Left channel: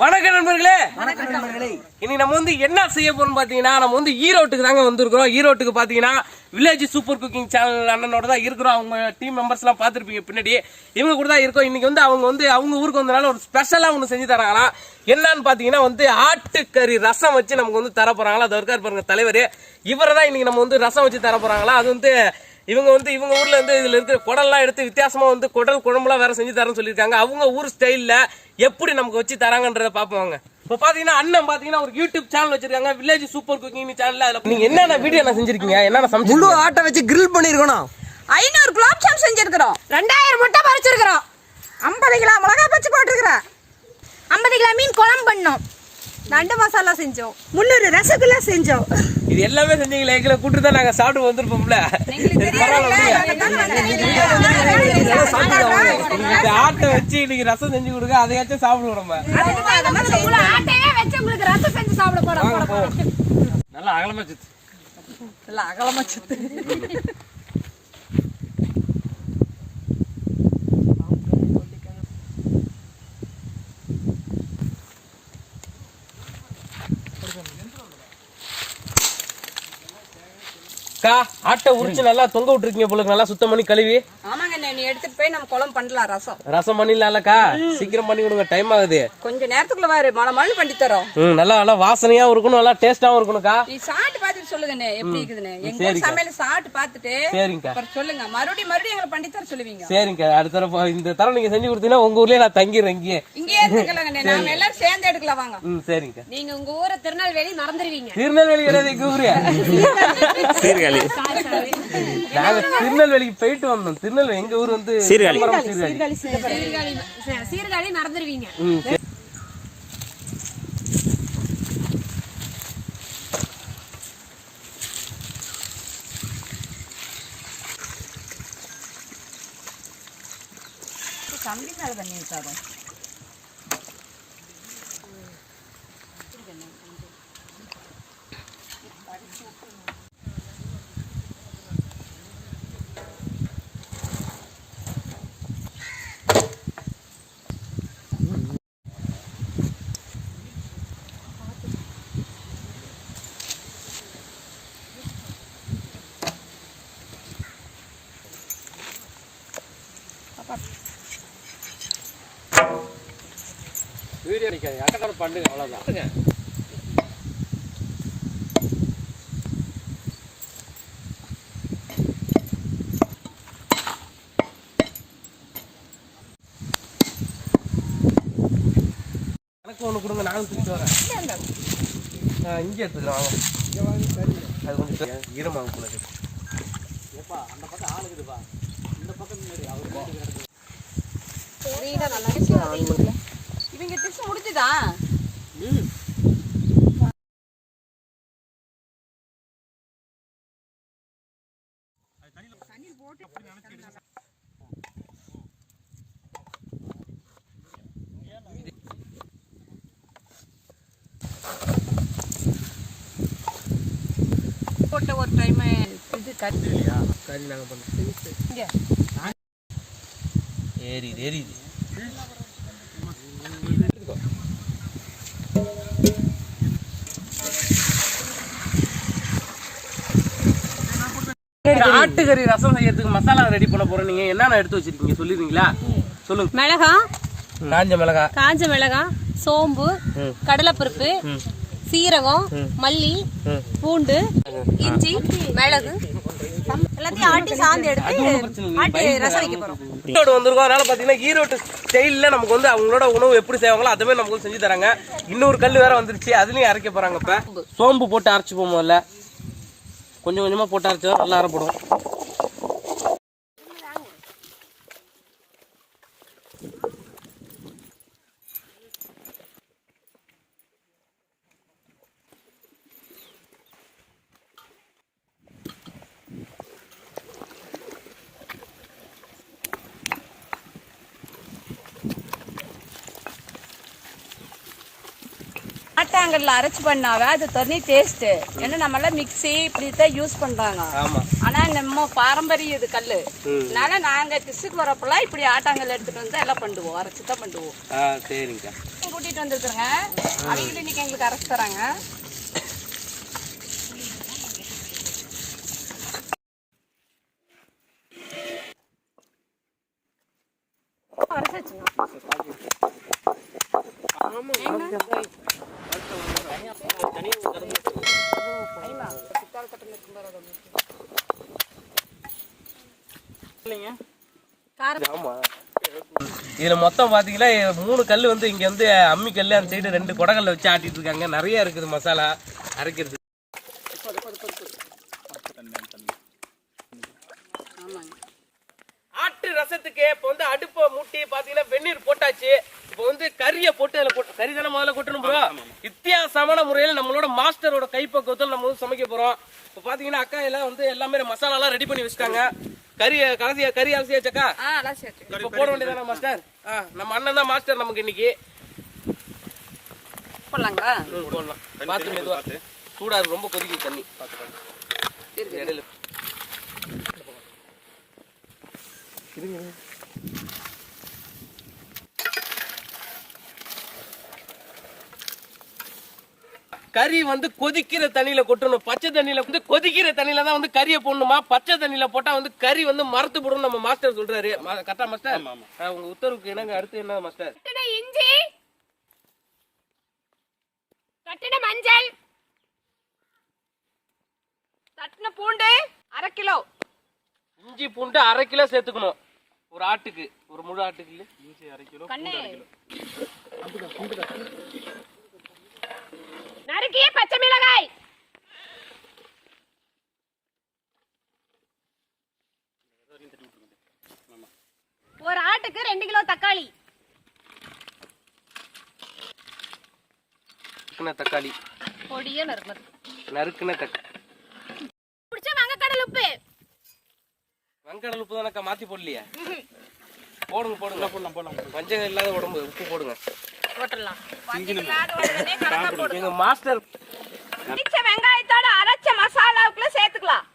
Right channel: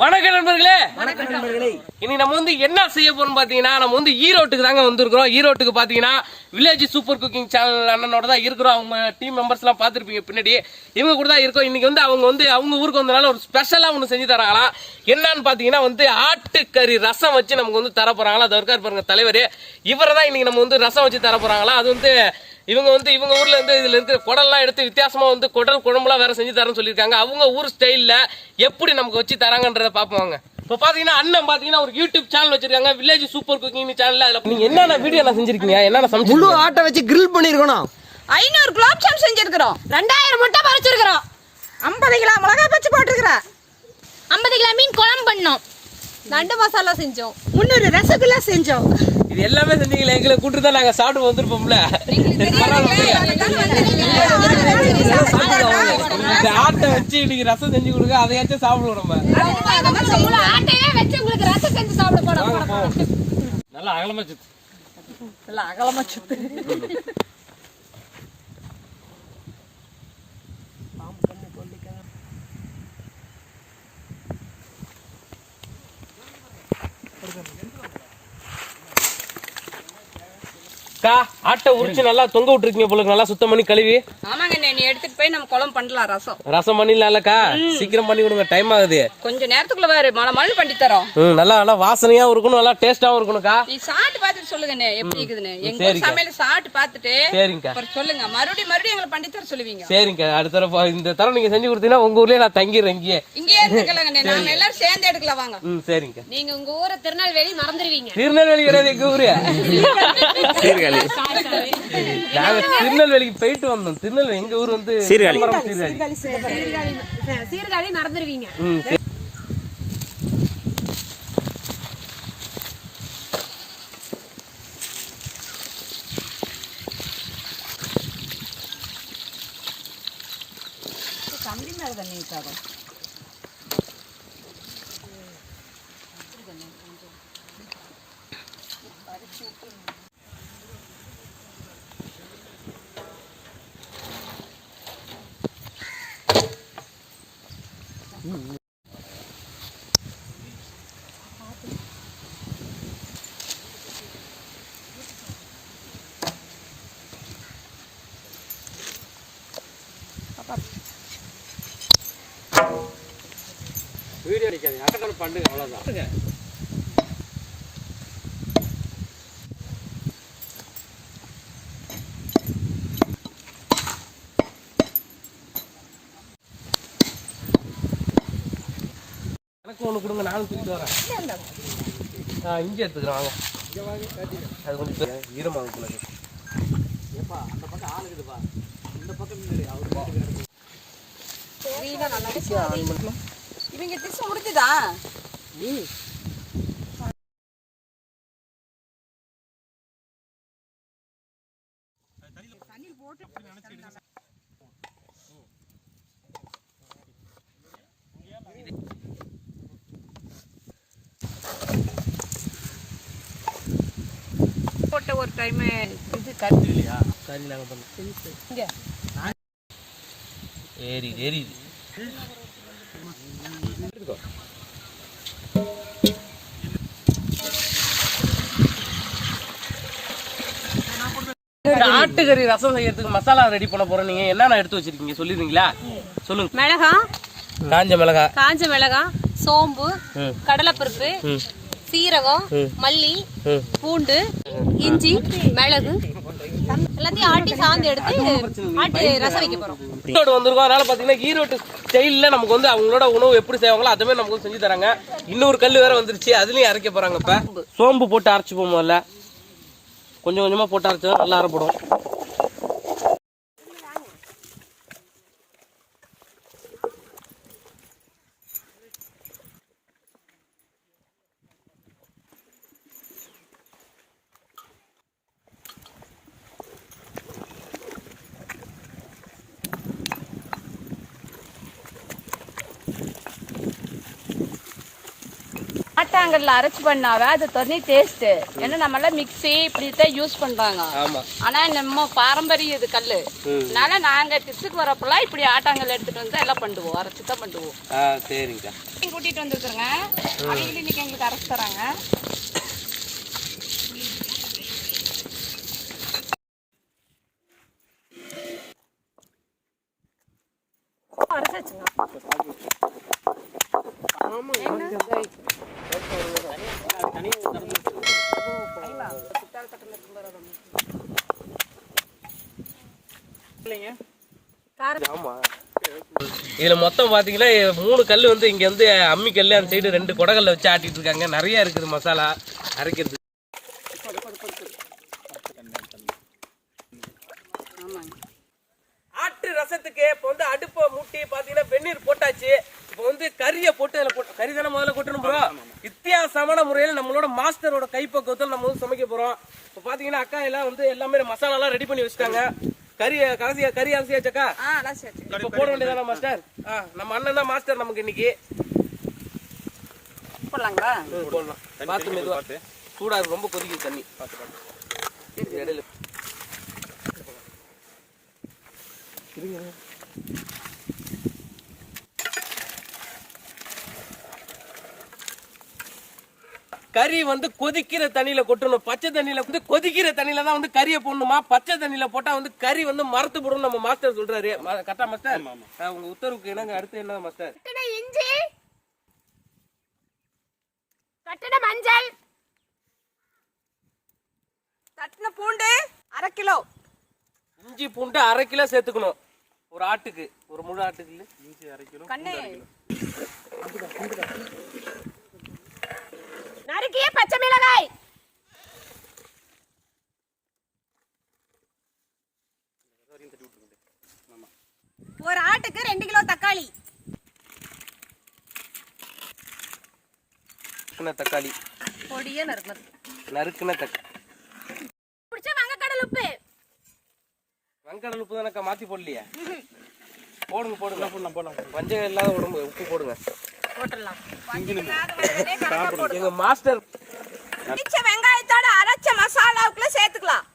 வணக்கம் நண்பர்களே. இன்னைக்கு நம்ம வந்து என்ன செய்ய போறோம் பாத்தீங்கன்னா நம்ம வந்து ஈரோட்டுக்கு தாங்க வந்திருக்கிறோம். ஈரோட்டுக்கு பாத்தீங்கன்னா வில்லேஜ் சூப்பர் குக்கிங் சேனல் அண்ணனோட தான் இருக்கிறோம். அவங்க டீம் மெம்பர்ஸ்லாம் பார்த்துருப்பீங்க பின்னாடி இவங்க கூட தான் இருக்கோம். இன்றைக்கி வந்து அவங்க வந்து அவங்க ஊருக்கு வந்தனால ஒரு ஸ்பெஷலாக ஒன்று செஞ்சு தராங்களாம் என்னன்னு பார்த்தீங்கன்னா வந்து ஆட்டுக்கறி ரசம் வச்சு நமக்கு வந்து தர போகிறாங்களா அதை இருக்காரு பாருங்க தலைவர். இவரை தான் இன்றைக்கி நம்ம வந்து ரசம் வச்சு தர போகிறாங்களா அது வந்து இவங்க வந்து இவங்க ஊரில் இருந்து இதில் இருக்கிற குடல்லாம் எடுத்து வித்தியாசமாக வந்து குடல் குழம்புலாம் வேறு செஞ்சு தரேன்னு சொல்லியிருக்காங்க. அவங்க ஊர் ஸ்டைலில் எப்படி நமக்கு வச்சு தராங்கன்றத பார்ப்போங்க இப்போ பாத்தீங்கன்னா அண்ணன் பாத்தீங்கன்னா ஒரு யூடியூப் சேனல் வச்சிருக்காங்க. வில்லேஜ் சூப்பர் குக்கிங் சேனல்ல அதுல நீங்க என்னென்ன வீடியோ என்ன செஞ்சிருக்கீங்க? என்னென்ன சமைச்சு முழு ஆட்டை வச்சு கிரில் பண்ணிருக்கணும். ஐநூறு குலோப் ஜாம் செஞ்சிருக்கிறோம். ரெண்டாயிரம் முட்டை பறிச்சிருக்கிறோம். ஐம்பது கிலோ மிளகாய் பச்சு போட்டிருக்கிறேன் ஐம்பது கிலோ மீன் குழம்பு பண்ணோம். நண்டு மசாலா செஞ்சோம். முந்நூறு ரசகுல்லா செஞ்சோம். இது எல்லாமே செஞ்சீங்களே எங்களை கூட்டு தான் நாங்க சாப்பிட்டு வந்திருப்போம்ல. இந்த ஆட்டை வச்சு இன்னைக்கு ரசம் செஞ்சு கொடுங்க அதையாச்சும் சாப்பிடுவோம் நம்ம. ஆட்டையே வச்சு உங்களுக்கு ரசம் செஞ்சு சாப்பிட போட போட நல்லா அகலமா சுத்து. இல்ல அகலமா சுத்து. அக்கா ஆட்டை உரிச்சு நல்லா தொங்க விட்டுருக்கீங்க போல. நல்லா சுத்தம் பண்ணி கழுவி. ஆமாங்க நீ எடுத்துட்டு போய் நம்ம குழம்பு பண்ணலாம் ரசம். ரசம் பண்ணிடலாம்லக்கா சீக்கிரம் பண்ணி கொடுங்க டைம் ஆகுது. கொஞ்ச நேரத்துக்குள்ள வேறு மழை மழை பண்ணி தரோம். நல்லா நல்லா வாசனையாவும் இருக்கணும் நல்லா டேஸ்டாவும் இருக்கணும்க்கா நீ சாப்பிட்டு சொல்லுங்கண்ணே எப்படி இருக்குதுன்னு எங்க ஊர் சமையல் சாப்பிட்டு பார்த்துட்டு சரிங்கக்கா அப்புறம் சொல்லுங்க. மறுபடியும் மறுபடியும் எங்களை பண்ணி தர சொல்லுவீங்க. சரிங்கக்கா அடுத்த தடவை இந்த தரம் நீங்க செஞ்சு கொடுத்தீங்கன்னா உங்க ஊர்லயே நான் தங்கிடுறேன் இங்கேயே. இங்கேயே எடுத்துக்கலாங்கண்ணே நாங்க எல்லாரும் சேர்ந்து எடுக்கலாம் வாங்க. ம் சரிங்கக்கா நீங்க உங்க ஊரை திருநெல்வேலி மறந்துடுவீங்க திருநெல்வேலி கிடையாது எங்க ஊரு. நாங்க திருநெல்வேலிக்கு போயிட்டு வந்தோம். திருநெல்வேலி எங்க ஊர் வந்து சிறுகாலி சீர்காழி. சீர்காழி மறந்துடுவீங்க ம் சரி. கம்பி மேல தண்ணி வீடியோ அடிக்காதீங்க. அட்டக்கடை பண்ணுங்க அவ்வளவுதான். எனக்கு ஒன்று கொடுங்க நானும் தூக்கிட்டு வரேன். ஆ இங்கே எடுத்துக்கிறேன் வாங்க. அது கொஞ்சம் தே- ஈரமாகும் போல இருக்கு. இவங்க டிஷ் முடிஞ்சுதா? போட்ட ஒரு டைம் இது கறி. கறி நாங்கள் பண்ணோம். ஏறி ஏறிது. ஆட்டுக்கறி ரசம் செய்யறதுக்கு மசாலா ரெடி பண்ண போறோம். நீங்க என்னென்ன எடுத்து வச்சிருக்கீங்க? சொல்லிடுறீங்களா? சொல்லுங்க. மிளகாய் காஞ்ச மிளகா. காஞ்ச மிளகாய் சோம்பு. கடலைப்பருப்பு. சீரகம் மல்லி. பூண்டு இஞ்சி மிளகு. எல்லாத்தையும் ஆட்டி சாந்து எடுத்து ஆட்டி ரசம் வைக்க போறோம். ஈரோடு வந்திருக்கோம். அதனால பாத்தீங்கன்னா ஈரோட்டு ஸ்டைல்ல நமக்கு வந்து அவங்களோட உணவு எப்படி செய்வாங்களோ அதுவே நமக்கு செஞ்சு தராங்க. இன்னொரு கல் வேற வந்துருச்சு. அதுலயும் அரைக்க போறாங்க இப்ப. சோம்பு. போட்டு அரைச்சுப்போம் முதல்ல கொஞ்சம் கொஞ்சமாக போட்டு அரைச்சா நல்லா அரைப்படும். ஆட்டாங்கல்ல அரைச்சு பண்ணாவே அது தனி டேஸ்ட் ஏன்னா நம்ம எல்லாம் மிக்ஸி இப்படி தான் யூஸ் பண்றாங்க ஆனா நம்ம பாரம்பரிய இது கல்லு. அதனால நாங்க டிஸ்ட்ரிக்ட் வரப்பெல்லாம் இப்படி ஆட்டாங்கல் எடுத்துட்டு வந்து எல்லாம் பண்ணுவோம். அரைச்சு தான் பண்ணுவோம். ஆ சரிங்கக்கா கூட்டிட்டு வந்துருக்குறேங்க அவங்களும் இன்னைக்கு எங்களுக்கு அரைச்சு தராங்க. இதுல மொத்தம் பாத்தீங்கன்னா மூணு கல் வந்து இங்க வந்து அம்மி கல்லு அந்த சைடு ரெண்டு குடகல்ல வச்சு ஆட்டிட்டு இருக்காங்க. நிறைய இருக்குது மசாலா அரைக்கிறது. ஆட்டு ரசத்துக்கு இப்போ வந்து அடுப்பை மூட்டி பாத்தீங்கன்னா வெந்நீர் போட்டாச்சு. இப்போ வந்து கறியை போட்டு அதில் போட்டு கறி தானே முதல்ல கொட்டணும் ப்ரோ? வித்தியாசமான முறையில் நம்மளோட மாஸ்டரோட கைப்பக்குவத்தில் நம்ம வந்து சமைக்க போறோம். இப்போ பாத்தீங்கன்னா அக்கா எல்லாம் வந்து எல்லாமே மசாலாலாம் ரெடி பண்ணி வச்சுட்டாங்க. கறி கடைசி கறி சேர்த்து இப்போ போட வேண்டியதானே மாஸ்டர் நம்ம அண்ணன் தான் மாஸ்டர் நமக்கு இன்னைக்கு. போடலாங்களா? போடலாம். பார்த்து மெதுவா. சூடாது ரொம்ப கொதிக்குது தண்ணி. இடையில. கறி வந்து கொதிக்கிற தண்ணியில கொட்டணும். பச்சை தண்ணியில வந்து கொதிக்கிற தண்ணியில தான் வந்து கறியை போடணுமா? பச்சை தண்ணியில போட்டா வந்து கறி வந்து மரத்து போடும் நம்ம மாஸ்டர் சொல்றாரு. மா- கரெக்டா மாஸ்டர் உங்க உத்தரவுக்கு என்னங்க அடுத்து என்ன மாஸ்டர் கட்டின இஞ்சி கட்டின மஞ்சள். தட்டின பூண்டு அரை கிலோ. இஞ்சி பூண்டு அரை கிலோ சேர்த்துக்கணும். ஒரு ஆட்டுக்கு. ஒரு முழு ஆட்டுக்கு இஞ்சி அரை கிலோ கண்ணு. நறுக்கிய பச்சை மிளகாய். ஒரு ஆட்டுக்கு ரெண்டு கிலோ தக்காளி. நறுக்குன தக்காளி. பொடியே நறுக்கணும் நறுக்குன தக்காளி பிடிச்ச வங்கக்கடல் உப்பு. வங்கடல் உப்பு தானக்கா மாத்தி போடலையா? போடுங்க போடுங்க. போடலாம் போடலாம். வஞ்சகம் இல்லாத உடம்பு உப்பு போடுங்க. போட்டுடலாம். எங்க மாஸ்டர் இடிச்ச வெங்காயத்தோட அரைச்ச மசாலாவுக்குள்ள சேர்த்துக்கலாம்.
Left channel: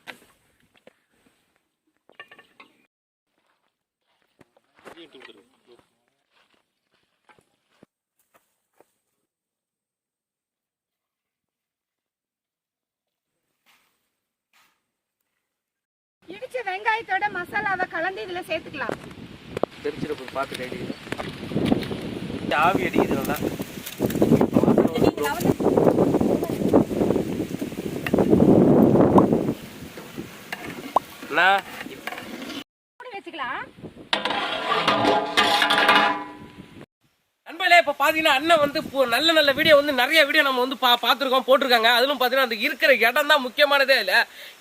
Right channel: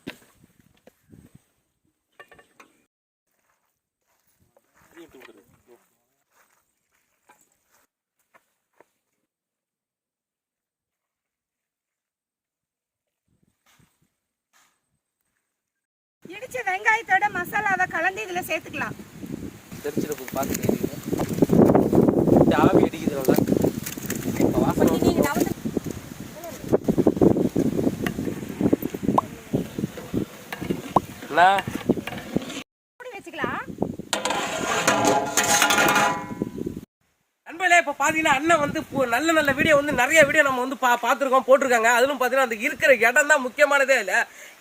இடிச்ச வெங்காயத்தோட மசாலாவை கலந்து இதுல சேர்த்துக்கலாம். தெரிச்சிருப்பு பார்த்துட்டு ஆவி அடிக்குது வந்து என்ன பார்த்தீங்கன்னா அண்ணன் வந்து நல்ல நல்ல வீடியோ வந்து நிறைய வீடியோ நம்ம வந்து பா பார்த்துருக்கோம் போட்டிருக்காங்க. அதிலும் பார்த்தீங்கன்னா அந்த இருக்கிற இடம் தான் முக்கியமானதே இல்லை.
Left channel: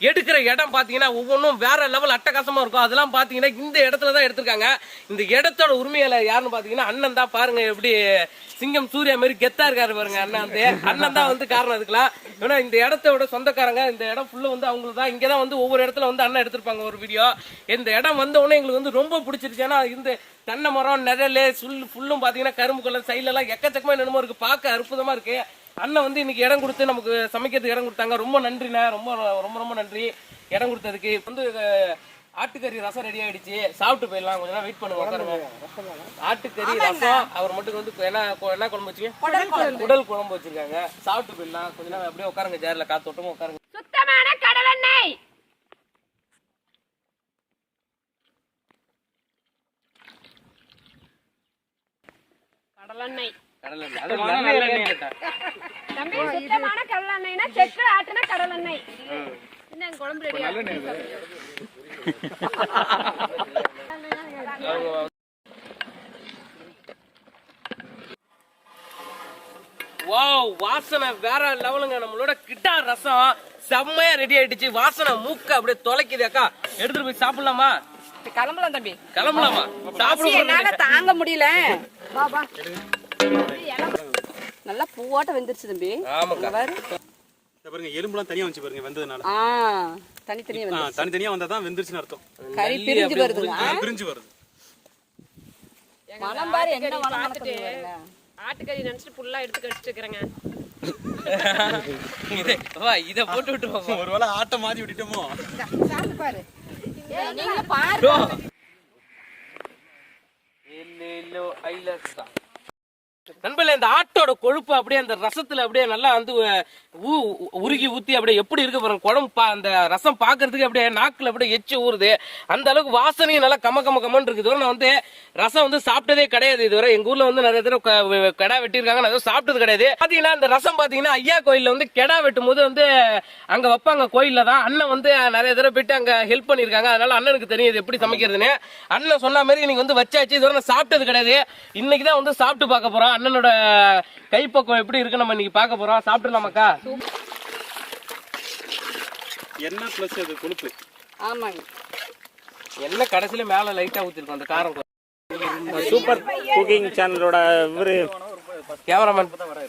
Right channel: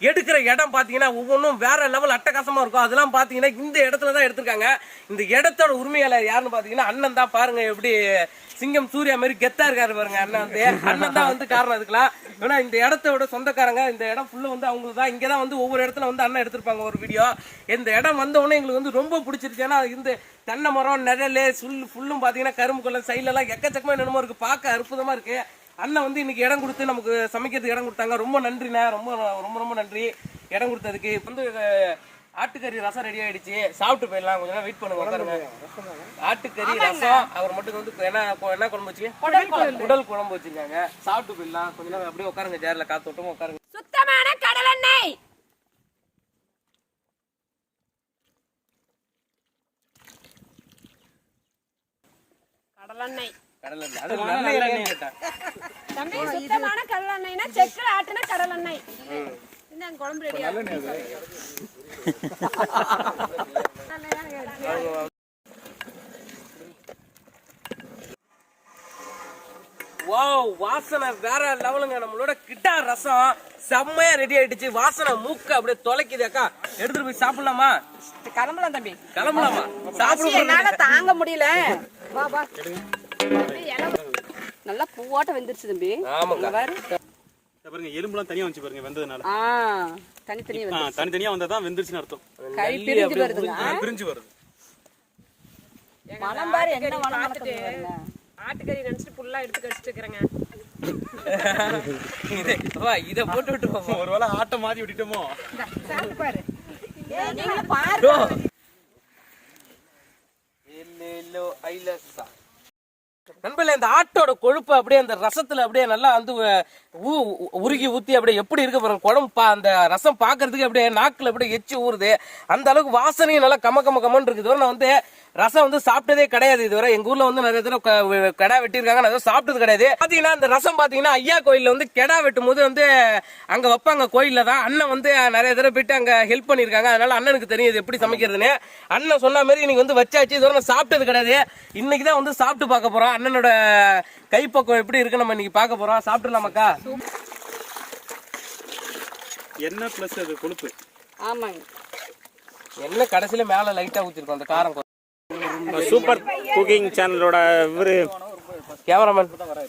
எடுக்கிற இடம் பார்த்தீங்கன்னா ஒவ்வொன்றும் வேற லெவல் அட்டகாசமாக இருக்கும். அதெல்லாம் பார்த்தீங்கன்னா இந்த இடத்துல தான் எடுத்திருக்காங்க. இந்த இடத்தோட உரிமையாளர் யாருன்னு பார்த்தீங்கன்னா அண்ணன் தான். பாருங்கள் எப்படி சிங்கம் சூர்யா மாதிரி கெத்தா இருக்காரு பாருங்க அண்ணன் வந்து அண்ணன் தான் வந்து காரணம் அதுக்கெல்லாம். ஏன்னா இந்த இடத்தோட சொந்தக்காரங்க இந்த இடம் ஃபுல்லா வந்து அவங்களுக்கு தான். இங்கே தான் வந்து ஒவ்வொரு இடத்துல வந்து அண்ணன் எடுத்திருப்பாங்க ஒரு வீடியோ இந்த இடம் வந்த உடனே எங்களுக்கு வந்து ரொம்ப பிடிச்சிருச்சு. ஏன்னா இந்த தென்னை மரம் நிழல் சுல் ஃபுல்லும் பார்த்தீங்கன்னா கரும்பு கொள்ளை சைட்லலாம் எக்கச்சக்கமாக என்னமோ இருக்கு. பார்க்க அற்புதமாக இருக்கு. அண்ணன் வந்து இன்னைக்கு இடம் கொடுத்து நமக்கு சமைக்கிறதுக்கு இடம் கொடுத்தாங்க. ரொம்ப நன்றிண்ணே. ரொம்ப ரொம்ப ரொம்ப நன்றி. இடம் கொடுத்ததுக்கு. வந்து ஆட்டுக்கறி ரசம் ரெடி ஆயிடுச்சு. சாப்பிட்டு போயிடலாம். கொஞ்ச நேரம் வெயிட் பண்ணுங்க உட்காருங்க. ஆட்டுக்கறி ரசம். அவர் மட்டும் வந்து என்ன என்ன குழம்பு வச்சுங்க உடல் குழம்பு. வச்சிருக்காங்க. சாப்பிட்டு போயிடலாம். கொஞ்ச நேரம் அப்படியே உட்காருங்க சேர்ல காத்தோட்டமா உட்காருங்க. சுத்தமான கடலெண்ணெய் கடலெண்ணெய் கடலை எண்ணெய். தம்பி சுத்தமான கடலெண்ணெய்னா செக்கு ஆட்டுன கடலெண்ணெய் குழம்பு ரெடி வாவ் வாசனை வேற லெவலுங்க நம்மளோட கிட்டா ரசம் செம்மையா ரெடி ஆயிடுச்சு. வாசனை மூக்க அப்படியே தொலைக்குது அக்கா. எடுத்துட்டு போய் சாப்பிடலாமா? கிளம்பலாம் தம்பி. கிளம்பலாமா? சாப்பிட என்னால தாங்க முடியல. நல்லா பூவாட்ட வெந்துருச்சு தம்பி. ஆமாக்கா. பாருங்க எலும்புலாம் தனியா வந்துச்சு பாருங்க வெந்ததுனால. ஆ தனித்தனியா வந்து தனித்தனியா வந்தா தான் வெந்துருச்சுன்னு அர்த்தம். கறி பிரிஞ்சு ஆ, பிரிஞ்சு வருது. பாரு என்ன. ஆட்டுக்கறி நினைச்சிட்டு ஃபுல்லா எடுத்து கடிச்சிட்டு இருக்கிறேங்க. இதை வா இதை போட்டு விட்டு போவோம் ஒருவேளை ஆட்டம் மாத்தி விட்டுட்டோமோ? நண்பர்களே இந்த ஆட்டோட கொழுப்பு அப்படியே அந்த ரசத்துல அப்படியே நல்லா வந்து ஊ- உருகி ஊத்தி அப்படியே எப்படி இருக்கு பாருங்க குழம்பு பா- அந்த ரசம் பாக்குறதுக்கு அப்படியே நாக்குல அப்படியே எச்சு ஊறுது. அந்த அளவுக்கு வாசனையும் நல்லா கம கம கமன்னு இருக்குது. நான் வந்து ரசம் வந்து சாப்பிட்டதே கிடையாது இதுவரை. எங்க ஊர்ல வந்து நிறைய தடவை கடை வெட்டியிருக்காங்க. நான் எதுவும் சாப்பிட்டது கிடையாது. பாத்தீங்கன்னா அந்த ரசம் பாத்தீங்கன்னா ஐயா கோயில்ல வந்து கெடா வெட்டும் போது வந்து அங்க வைப்பாங்க கோயில்ல தான். அண்ணன் வந்து நிறைய தடவை போயிட்டு அங்க ஹெல்ப் பண்ணிருக்காங்க அதனால அண்ணனுக்கு தெரியும் இது எப்படி சமைக்கிறதுன்னு. அண்ணன் சொன்ன மாதிரி நீங்க வந்து வச்சாச்சு. இதுவரை நான் சாப்பிட்டது கிடையாது. இன்னைக்கு தான் வந்து சாப்பிட்டு பார்க்க போறோம். அண்ணனோட கைப்பக்குவம் எப்படி இருக்கு நம்ம இன்னைக்கு பார்க்க போறோம். சாப்பிட்டுலாமாக்கா என்ன பிளஸ் அது கொழுப்பு. ஆமாங்க. எல்லாம் கடைசியில மேல லைட்டா ஊத்திருக்கோம் அந்த காரம் சூப்பர் குக்கிங் சேனலோட இவரு கேமராமேன் ஏத்துங்களா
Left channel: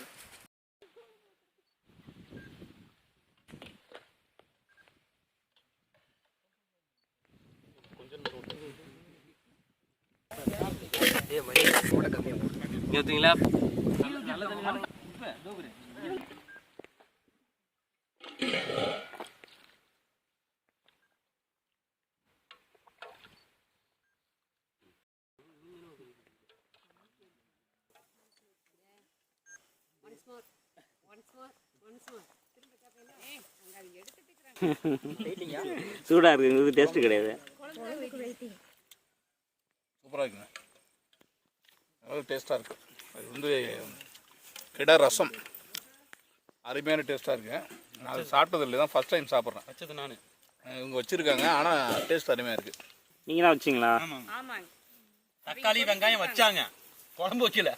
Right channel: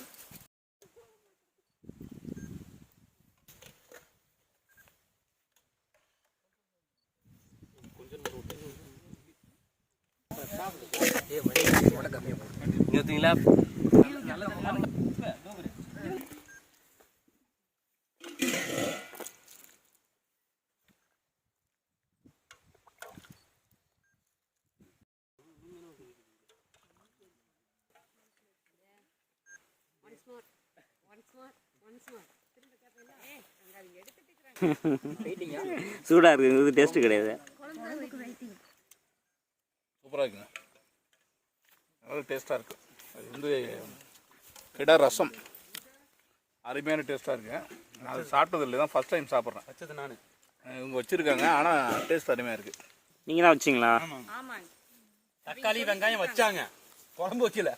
சூடா இருக்கு இது டேஸ்ட் கிடையாது. சூப்பராக இருக்குங்க நல்ல டேஸ்ட்டாக இருக்கு. அது வந்து கிடா ரசம். அருமையான டேஸ்ட்டாக இருக்கு. நான் அது சாப்பிட்டது இல்லை தான் ஃபஸ்ட் டைம் சாப்பிட்றேன். வச்சது நானு. இவங்க வச்சுருக்காங்க. ஆனால் டேஸ்ட் அருமையாக இருக்குது நீங்க தான் வச்சிங்களா? தக்காளி வெங்காயம் வச்சாங்க. குழம்பு வைக்கல.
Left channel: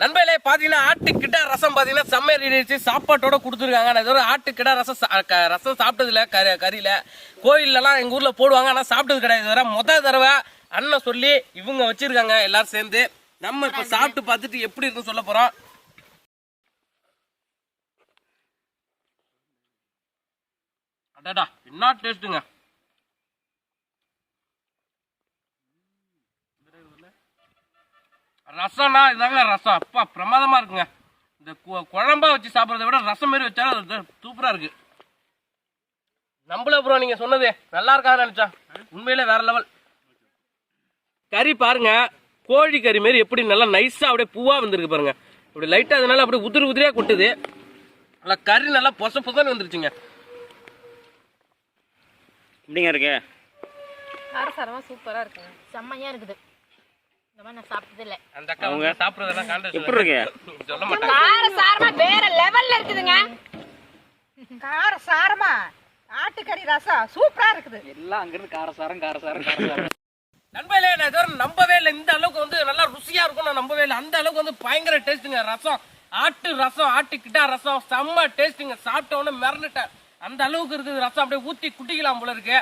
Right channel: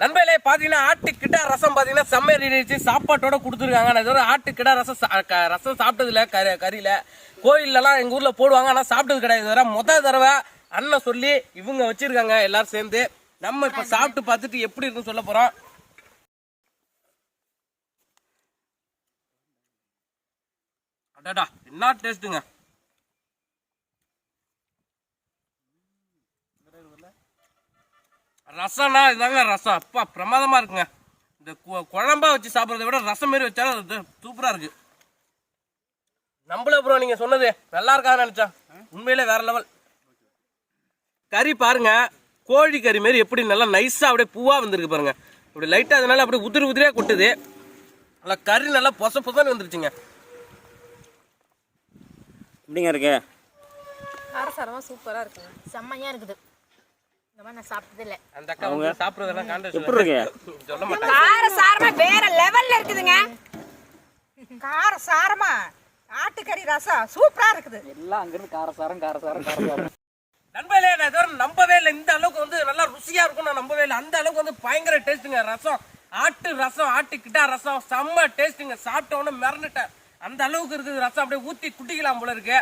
நண்பர்களே பார்த்தீங்கன்னா ஆட்டுக்கிட்ட ரசம் பார்த்தீங்கன்னா செம்மையை ரெடி சாப்பாட்டோட கொடுத்துருக்காங்க. நான் இதுவரை ஆட்டுக்கிட்ட ரசம் சா- ரசம் சாப்பிட்டதில்ல. கறி கறியில. கோயிலெலாம் எங்க ஊரில் போடுவாங்க ஆனால் சாப்பிட்டது கிடையாது. இதுவரை மொதல் தடவை அண்ணன் சொல்லி இவங்க வச்சிருக்காங்க எல்லாரும் சேர்ந்து. நம்ம இப்போ சாப்பிட்டு பார்த்துட்டு எப்படி இருக்குன்னு சொல்ல போறோம். அடாடா என்ன டேஸ்ட்டுங்க ரசம்னா இதாங்க ரசம். அப்பா பிரமாதமா இருக்குங்க. இந்த கு- குழம்பா வச்சு சாப்பிட்றத விட ரசம் மாரி வச்சாலும் அது சூப்பரா இருக்கு. நம்மள ப்ரோ நீங்க சொன்னது நல்லா இருக்காதுன்னு நினைச்சா உண்மையிலே வேற லெவல் கறி பாருங்க கோழி கறி மாரி எப்படி நல்லா நைஸா அப்படியே பூவா வந்திருக்கு பாருங்க. இப்படி லைட்டா அதனால அப்படியே உதிரி உதிரியா கொட்டுது. நல்லா கறி நல்லா பொச பொசன்னு வந்துருச்சுங்க. எப்படிங்க இருக்கு? காரசாரமா சூப்பரா இருக்குங்க. செம்மையா இருக்குது. அவங்க எப்படி இருக்கு சொல்ல மாட்டாங்க. காரசாரமா வேற லெவல்ல இருக்குதுங்க. காரசாரமா ஆட்டுக்கறி ரசம் சூப்பரா இருக்குது. நண்பர்களே நான் இதுவரை நம்பவே இல்லை. இந்த அளவுக்கு வந்து நல்லா ருசியா இருக்கும் நான் நம்பவே இல்லை. அந்த அளவுக்கு வந்து பயங்கர டேஸ்ட்டுங்க ரசம் ஆட்டு ரசம் ஆட்டு கிட்டா ரசம் செம்ம டேஸ்ட்டுங்க சாப்பிட்ட உடனே மிரண்டுட்டேன். அந்த அளவுக்கு இருக்குது ரசம். அப்படியே ஊத்தி குட்டிக்கலாம் போல இருக்கு.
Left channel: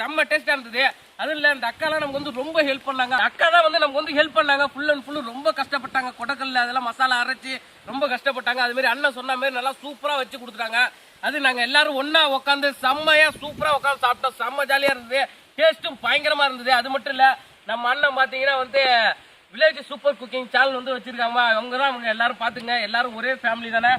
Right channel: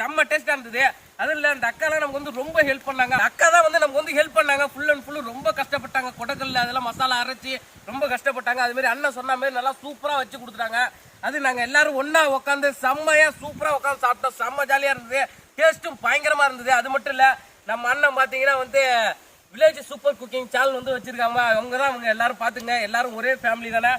செம்ம டேஸ்டா இருந்தது. அது இல்லை அந்த அக்காலாம் நமக்கு வந்து ரொம்ப ஹெல்ப் பண்ணாங்க. அக்கா தான் வந்து நமக்கு வந்து ஹெல்ப் பண்ணாங்க. ஃபுல் அண்ட் ஃபுல்லு ரொம்ப கஷ்டப்பட்டாங்க. கொடக்கல்ல அதெல்லாம் மசாலா அரைச்சி ரொம்ப கஷ்டப்பட்டாங்க. அதுமாரி அண்ணன் சொன்ன மாதிரி நல்லா சூப்பராக வச்சு கொடுத்துட்டாங்க. அது நாங்கள் எல்லாரும் ஒன்றா உட்காந்து செம்மையாக சூப்பராக உட்காந்து சாப்பிட்டோம். செம்ம ஜாலியாக இருந்தது. டேஸ்ட்டும் பயங்கரமாக இருந்தது. அது மட்டும் இல்லை நம்ம அண்ணன் பார்த்தீங்கன்னா வந்து வில்லேஜ் சூப்பர் குக்கிங் சேனல் வந்து வச்சுருக்காங்க. அவங்க தான் அவங்க எல்லாரும் பார்த்துங்க எல்லாரும் ஒரே ஃபேமிலி தானே.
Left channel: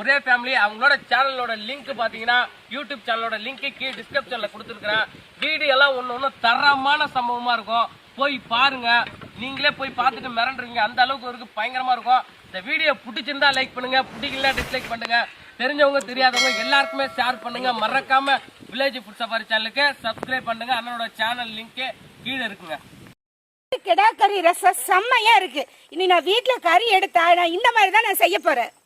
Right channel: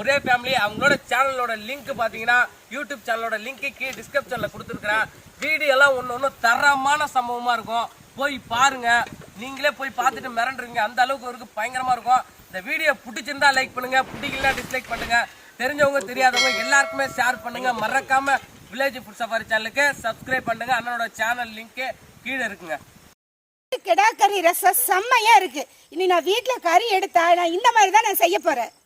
ஒரே ஃபேமிலி அவங்களோட சேனலோட லிங்க் பார்த்தீங்கன்னா யூடியூப் சேனலோட லிங்க்கு கீழே டிஸ்கிரிப்ஷனில் கொடுத்துருக்குறேன். வீடியோ எல்லாம் ஒன்று ஒன்று தரமான சம்பவமாக இருக்கும். போய் பாருங்கள் நீங்களே போய் பார்த்துட்டு மிரண்டுருங்க அந்த அளவுக்கு இருக்கு பயங்கரமாக இருக்கும். இந்த வீடியோ பிடிச்சிருந்தா லைக் பண்ணுங்கள் பிடிக்கல டிஸ்லைக் பண்ணுங்கள் தெரிஞ்சவங்க தெரியாதவங்க எல்லாருக்குமே ஷேர் பண்ணுங்கள் மறக்காமல் வில்லேஜ் ஃபுட் சஃபாரி சேனலுக்கு சப்ஸ்கிரைப் பண்ணுங்கள் அண்ணனோட சேனல் லிங்க்கு கீழே இருக்குங்க. கிடா கறி ரசம் செம்மையா இருக்கு. இனி நான் வீட்டுல கறி எடுத்தா நான் இந்த மாதிரி தான் நான் செய்ய போறேன்.